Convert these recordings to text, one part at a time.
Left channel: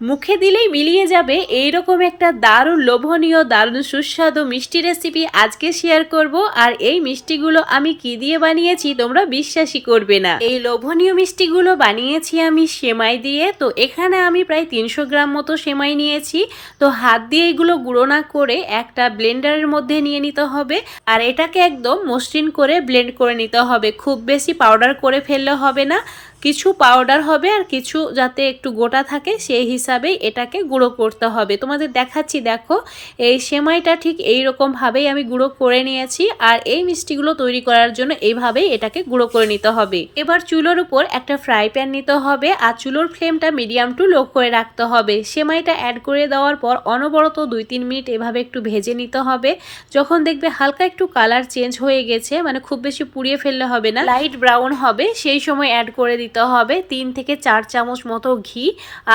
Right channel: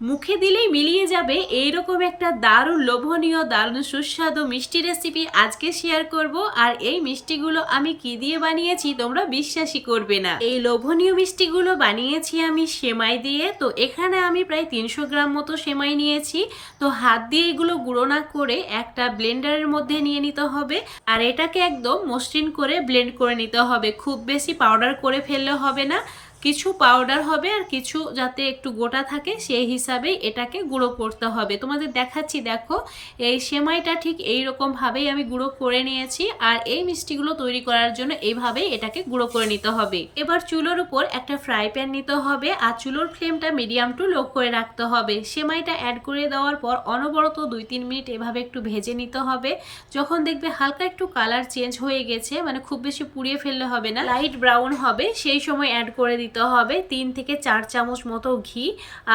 মুখে দিলেই মিলিয়ে যাবে এইরকম একটা দারুণ লোভনীয় দারুণ সুস্বাদু মিষ্টি রেসিপি আজকে শেয়ার করব। আর এই মিষ্টিগুলো আমি কি দিয়ে বানিয়েছি তোমরা বিশ্বাসই করবে না। এই লোভনীয় মিষ্টিগুলো বানিয়েছি আমি সেমাই দিয়ে। তো এখানে আমি প্রায় 300 গ্রাম মতো সেমাই নিয়েছি। তো হাত দিয়ে এগুলো গুঁড়ো না করে একটা ব্লেন্ডারের মধ্যে নিয়ে নিতে হবে। আর এটাকে একদম মসৃণ করে ব্লেন্ড করে নিতে হবে, খুব বেশি পাউডার করে ফেললে হবে না। কিছু পাউডার হবে আর কিছু যাতে একটু গোটা থাকে সেই হিসাবেই এটাকে গুঁড়ো করতে হবে। তোমাদের দেখাচ্ছি, দেখো এই সেমাইটা ঠিক এই রকম ভাবেই আমি গুঁড়ো করে নিয়েছি। আর এই মিষ্টিগুলো তৈরি করার জন্য এইভাবেই এটাকে গুঁড়ো করে নিতে হবে। এবার চুলোর উপর একটা ফ্রাই প্যান নিতে হবে আর চুলোর ফ্লেমটা মিডিয়াম টু লো করে রাখতে হবে। সেমাইটা অ্যাড করে দেওয়ার পর অনবরত 2-3 মিনিট এভাবে একটু ভেজে নিতে হবে। যখন দেখবে হালকা একটু কালার চেঞ্জ হয়ে গেছে, মানে খুব বেশি পুড়িয়ে ফেললে হবে না, লাইট ব্রাউন হবে, সেই সময় অ্যাড করে দিতে হবে 3 থেকে 4 চামচ মতো ঘি।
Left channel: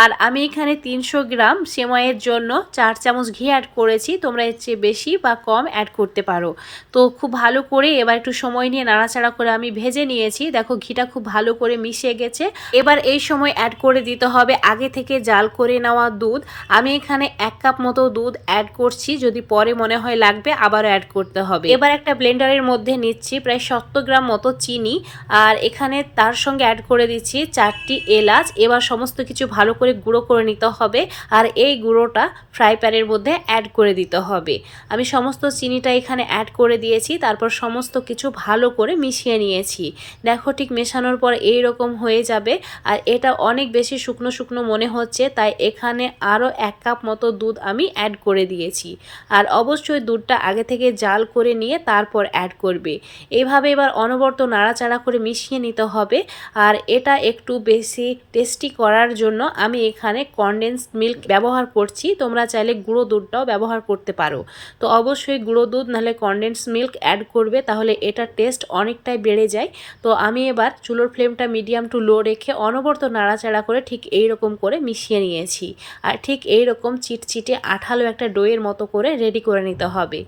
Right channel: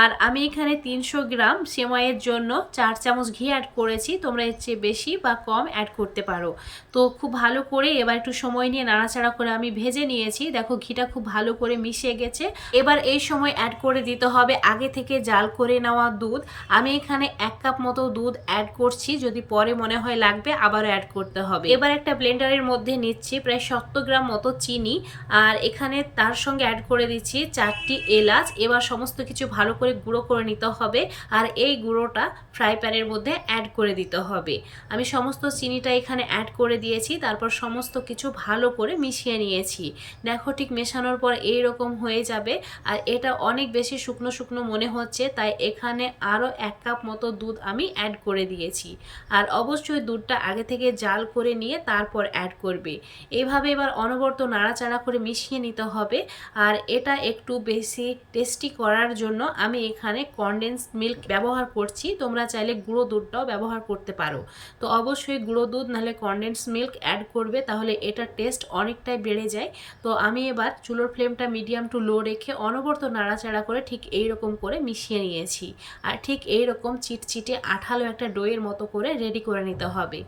আর আমি এখানে 300 গ্রাম সেমাইয়ের জন্য 4 চামচ ঘি অ্যাড করেছি। তোমরা এর চেয়ে বেশি বা কম অ্যাড করতে পারো। তো খুব ভালো করে এবার একটু সময় নিয়ে নাড়াচাড়া করে আমি ভেজে নিয়েছি। দেখো ঘিটা খুব ভালো করে মিশে গেছে। এবার এই সময় অ্যাড করে দিতে হবে আগে থেকে জাল করে নেওয়া দুধ। আমি এখানে 1 কাপ মতো দুধ অ্যাড করছি, যদি পরে মনে হয় লাগবে আবারও অ্যাড করতে হবে। এবার একটা ব্লেন্ডারের মধ্যে নিচ্ছি প্রায় 70 গ্রাম মতো চিনি। আর এখানে তার সঙ্গে অ্যাড করে দিচ্ছি 4টি এলাচ। এবার সমস্ত কিছু ভালো করে গুঁড়ো করে নিতে হবে। আর এই গুঁড়োটা ফ্রাই প্যানের মধ্যে অ্যাড করে দিতে হবে। আমি সমস্ত চিনিটা এখানে অ্যাড করে দিয়েছি, তারপর সমস্ত কিছু ভালো করে মিশিয়ে নিয়েছি। দেখো ঠিক মেশানোর পর এই রকম হয়ে যাবে। আর এটা অনেক বেশি শুকনো শুকনো মনে হচ্ছে, তাই এখানে আরও 1 কাপ মতো দুধ আমি অ্যাড করে দিয়েছি। আর অবশ্যই দুধটা আগে থেকে জাল করে নিয়ে তারপর অ্যাড করবে। এইভাবে এবার অনবরত নাড়াচাড়া করে মিশিয়ে নিতে হবে। আর এটা একটু বেশি টেস্টি করার জন্য আমি এখানে কনডেন্সড মিল্ক ব্যবহার করছি। তোমরা চাইলে গুঁড়ো দুধটাও ব্যবহার করতে পারো। তো অবশ্যই গুঁড়ো দুধ নাহলে কনডেন্সড মিল্ক অ্যাড করবে, তাহলে এটা টেস্ট অনেকটাই বেড়ে যায়। তো আমি এবার চুলোর ফ্লেমটা মিডিয়াম টু লো রেখে অনবরত নাড়াচাড়া করে ঠিক এই রকম করে মিশিয়ে নিয়েছি। আর ঠিক এই রকম চিটচিটে আঠালো একটা ডোয়ের মতো করে রেডি করে নিতে হবে।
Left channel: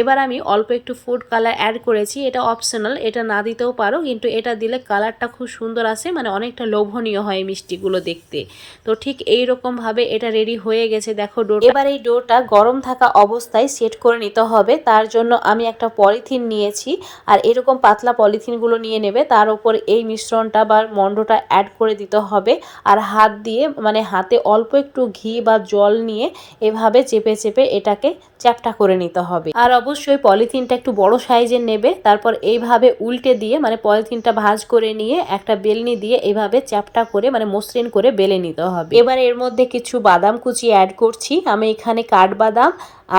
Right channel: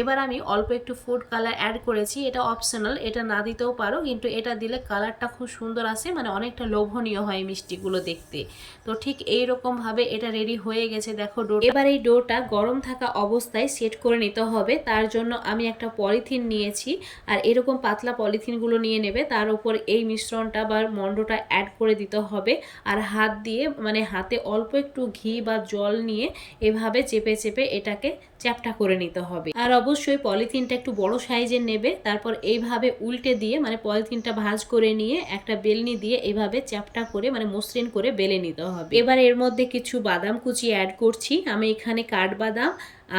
এবার আমি অল্প একটু ফুড কালার অ্যাড করেছি, এটা অপশনাল, এটা না দিতেও পারো, কিন্তু এটা দিলে কালারটা খুব সুন্দর আসে, মানে অনেকটা লোভনীয় হয় মিষ্টিগুলো দেখতে। তো ঠিক এই রকমভাবে এটা রেডি হয়ে গেছে। দেখো ডো, এবার এই ডোটা গরম থাকা অবস্থায় সেট করে নিতে হবে। তার জন্য আমি একটা পলিথিন নিয়েছি। আর এরকম পাতলা পলিথিনগুলো নিয়ে নেবে, তার উপর এই মিশ্রণটা বা মণ্ডটা অ্যাড করে দিতে হবে। আর হাত দিয়ে, মানে হাতে অল্প একটু ঘি বা জল নিয়ে এভাবে চেপে চেপে এটাকে চ্যাপটা করে নিতে হবে। আর অবশ্যই পলিথিনটা একটু বড় সাইজের নেবে। তারপর এইভাবে উল্টে দিয়ে, মানে পলিথিনটা ভাঁজ করে নিয়ে একটা বেলনি দিয়ে এইভাবে চ্যাপটা করে, মানে মসৃণ করে বেলে নিতে হবে। এবার এর মধ্যে কিছু বাদাম কুচি অ্যাড করছি। আমি এখানে কাঠবাদাম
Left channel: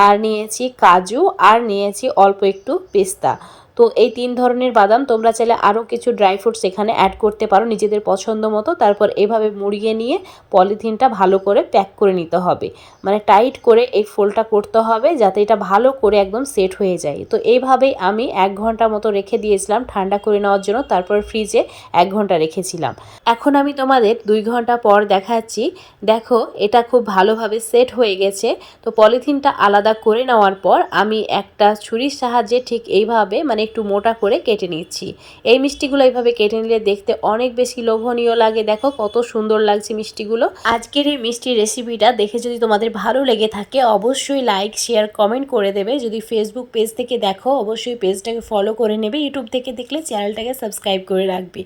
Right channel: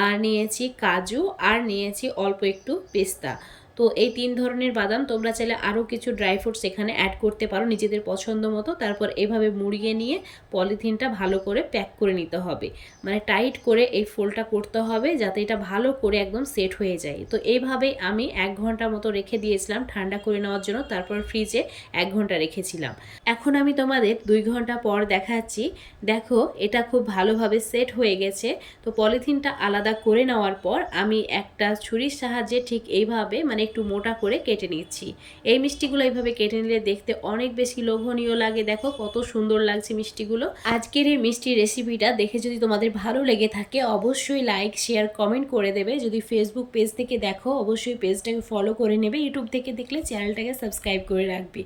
আর নিয়েছি কাজু আর নিয়েছি অল্প একটু পেস্তা। তো এই 3 ধরনের বাদাম, তোমরা চাইলে আরও কিছু ড্রাই ফ্রুটস এখানে অ্যাড করতে পারো নিজেদের পছন্দ মতো। তারপর এভাবে মুড়িয়ে নিয়ে পলিথিনটা ভালো করে প্যাক করে নিতে হবে, মানে টাইট করে এই ফোল্ডটা করতে হবে যাতে এটা ভালো করে একদম সেট হয়ে যায়। তো এইভাবেই আমি 1 ঘন্টা মতো রেখে দিয়েছিলাম ঠান্ডা করে নেওয়ার জন্য, তারপর ফ্রিজে 1 ঘন্টা রেখেছিলাম। এখন আমি তোমাদের 2 ঘন্টা পর দেখাচ্ছি। দেখো এটা খুব ভালোভাবে সেট হয়ে গেছে। তো পলিথিনটা আলাদা করে নেওয়ার পর আমি একটা ছুরির সাহায্যে ঠিক এইভাবে, মানে একটু মোটা করে কেটে নিচ্ছি। এই মিষ্টিগুলো এইভাবে কেটে নিলে দেখতে অনেক বেশি লোভনীয় লাগে। দেখো কত সুন্দর লাগছে মিষ্টিগুলো। আজকের এই মিষ্টি রেসিপিটা দেখে যদি তোমাদের ভালো লেগে থাকে অবশ্যই লাইক শেয়ার কমেন্ট করে দেবে। যদি ফেসবুক পেজ থেকে দেখো অবশ্যই পেজটাকে ফলো করে নেবে। ইউটিউব থেকে দেখলে চ্যানেলটাকে সাবস্ক্রাইব করে রাখবে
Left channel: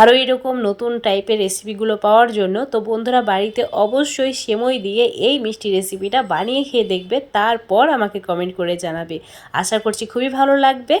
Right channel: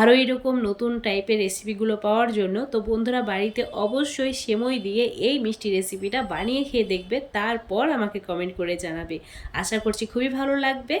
আরও এরকম নতুন টাইপের রেসিপিগুলো পাওয়ার জন্য। তো বন্ধুরা বাড়িতে অবশ্যই সেমই দিয়ে এই মিষ্টি রেসিপিটা বানিয়ে খেয়ে দেখবে, তারপর আমাকে কমেন্ট করে জানাবে। আশা করছি খুবই ভালো লাগবে।